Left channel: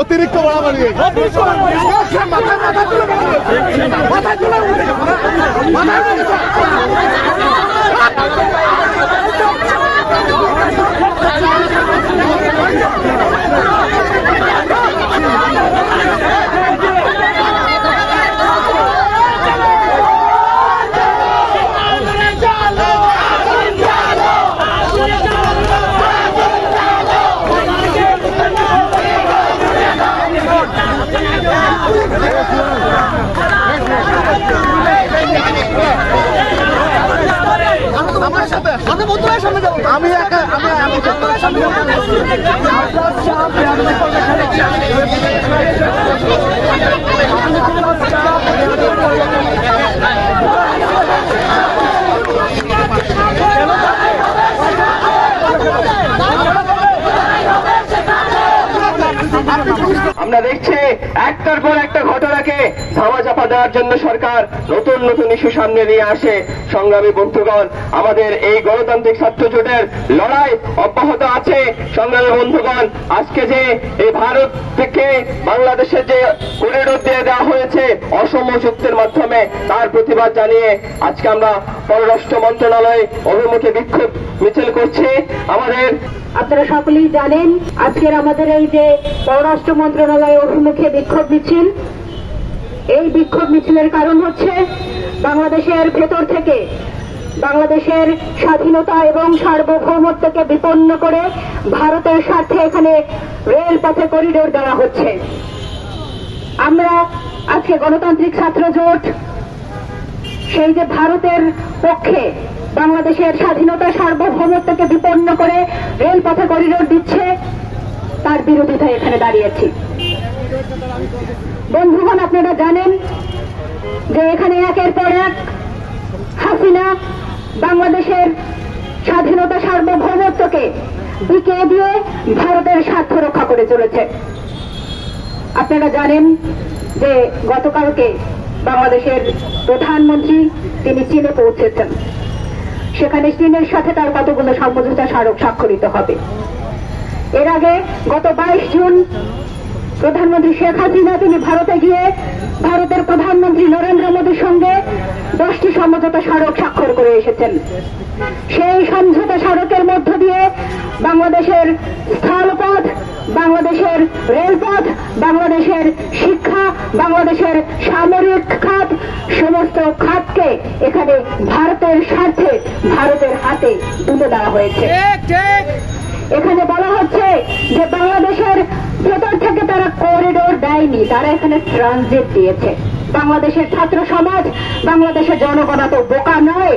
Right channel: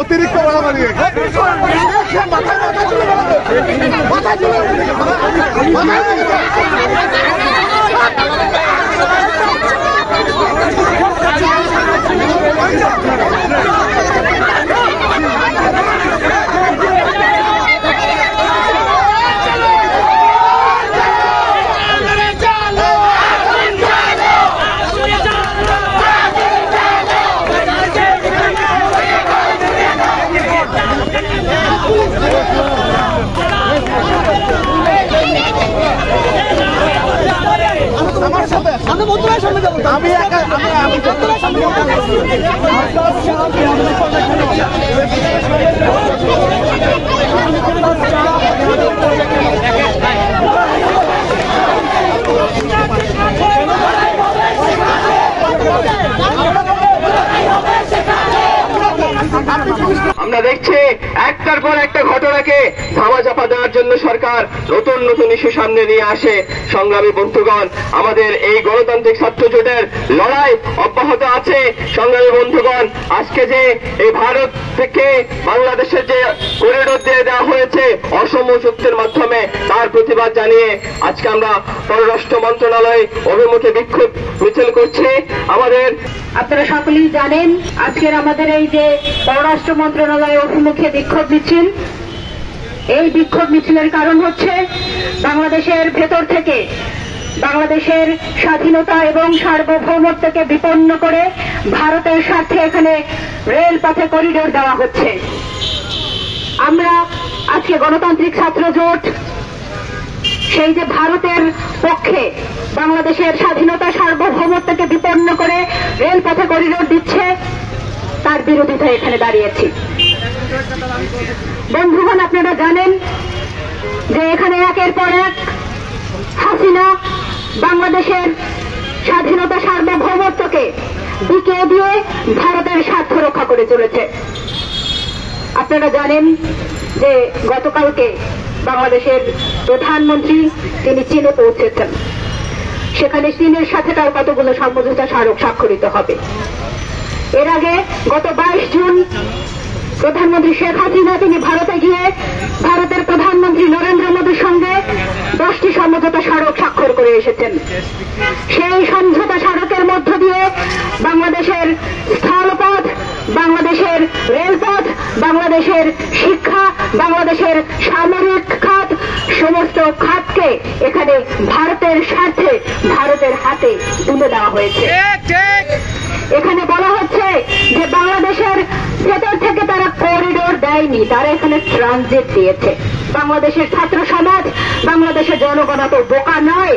অতিরিক্ত আমরা দেখছি একটার পর একটা ঘটনাকে ধামাচাপা দেওয়ার জন্য সরকার নতুন নতুন ইস্যু সামনে নিয়ে আসে। সংগ্রামী বন্ধুগণ, আমাদের এই গণতান্ত্রিক ছাত্র জোটের লড়াই অব্যাহত আছে। সংগ্রামী বন্ধুগণ, আজকে যে এই ভারত থেকে বাংলাদেশের যে করিডোর দিয়ে দেওয়া হয়েছে অসম চুক্তির মাধ্যমে, তার প্রতিবাদ জানিয়ে আজকে আমরা পররাষ্ট্র মন্ত্রণালয় অভিমুখে বিক্ষোভ মিছিল করছি। আপনারা সকলেই জানেন আজকের আমাদের এই যে পররাষ্ট্র মন্ত্রণালয় অভিমুখে বিক্ষোভ মিছিল, এই বিক্ষোভ মিছিলের কারণ হচ্ছে বাংলাদেশের ভেতর থেকে বাংলাদেশের স্বাধীনতা এবং সার্বভৌমত্বকে বিপন্ন করে ভারতের স্বার্থে এখানে রেলপথে করিডোর দেওয়া হচ্ছে। আমরা আজকে গণতান্ত্রিক ছাত্র জোট সেই যে ভারতের পক্ষে বাংলাদেশের স্বাধীনতা সার্বভৌমত্বকে বিপন্ন করে রেলপথে করিডোর দিচ্ছে, তার বিরোধিতায় এখানে দাঁড়িয়েছি। বন্ধুগণ, আপনারা জানেন যে এখানে একের পর এক হাসিনা বাংলাদেশের স্বাধীনতা সার্বভৌমত্বকে দিকে দিয়ে ভারতের স্বার্থ রক্ষা করে চলেছে। আপনারা জানেন যে গতকালকে বাংলাদেশের প্রধানমন্ত্রী তিনি চীনে পৌঁছেছেন। সেখানে চীনের সাথে তার কতগুলো সমঝোতা স্মারক স্বাক্ষরিত হবে। এর আগে গত 22 জুন প্রধানমন্ত্রী শেখ হাসিনা তিনি ভারতে গিয়ে ভারতের প্রধানমন্ত্রী নরেন্দ্র মোদীর সঙ্গে 10টি সমঝোতা স্মারক স্বাক্ষর করে এসেছেন। সেই সমঝোতা স্মারকের মধ্য দিয়ে বাংলাদেশের স্থলপথ, বাংলাদেশের রেলপথ, বাংলাদেশের শিক্ষা, বাংলাদেশের সামরিক খাত, সমস্ত খাতকে এখানে ভারতের স্বার্থে ভারতের হাতে তুলে দেওয়া হয়েছে। এখানে বলা হচ্ছে যে বাংলাদেশের ভেতর থেকে তারা করিডোর দেয়নি, তারা এখানে ট্রানজিট দিয়েছে। বাংলাদেশের ছাত্র সমাজ, বাংলাদেশের জনগণ তো বোকা নয়।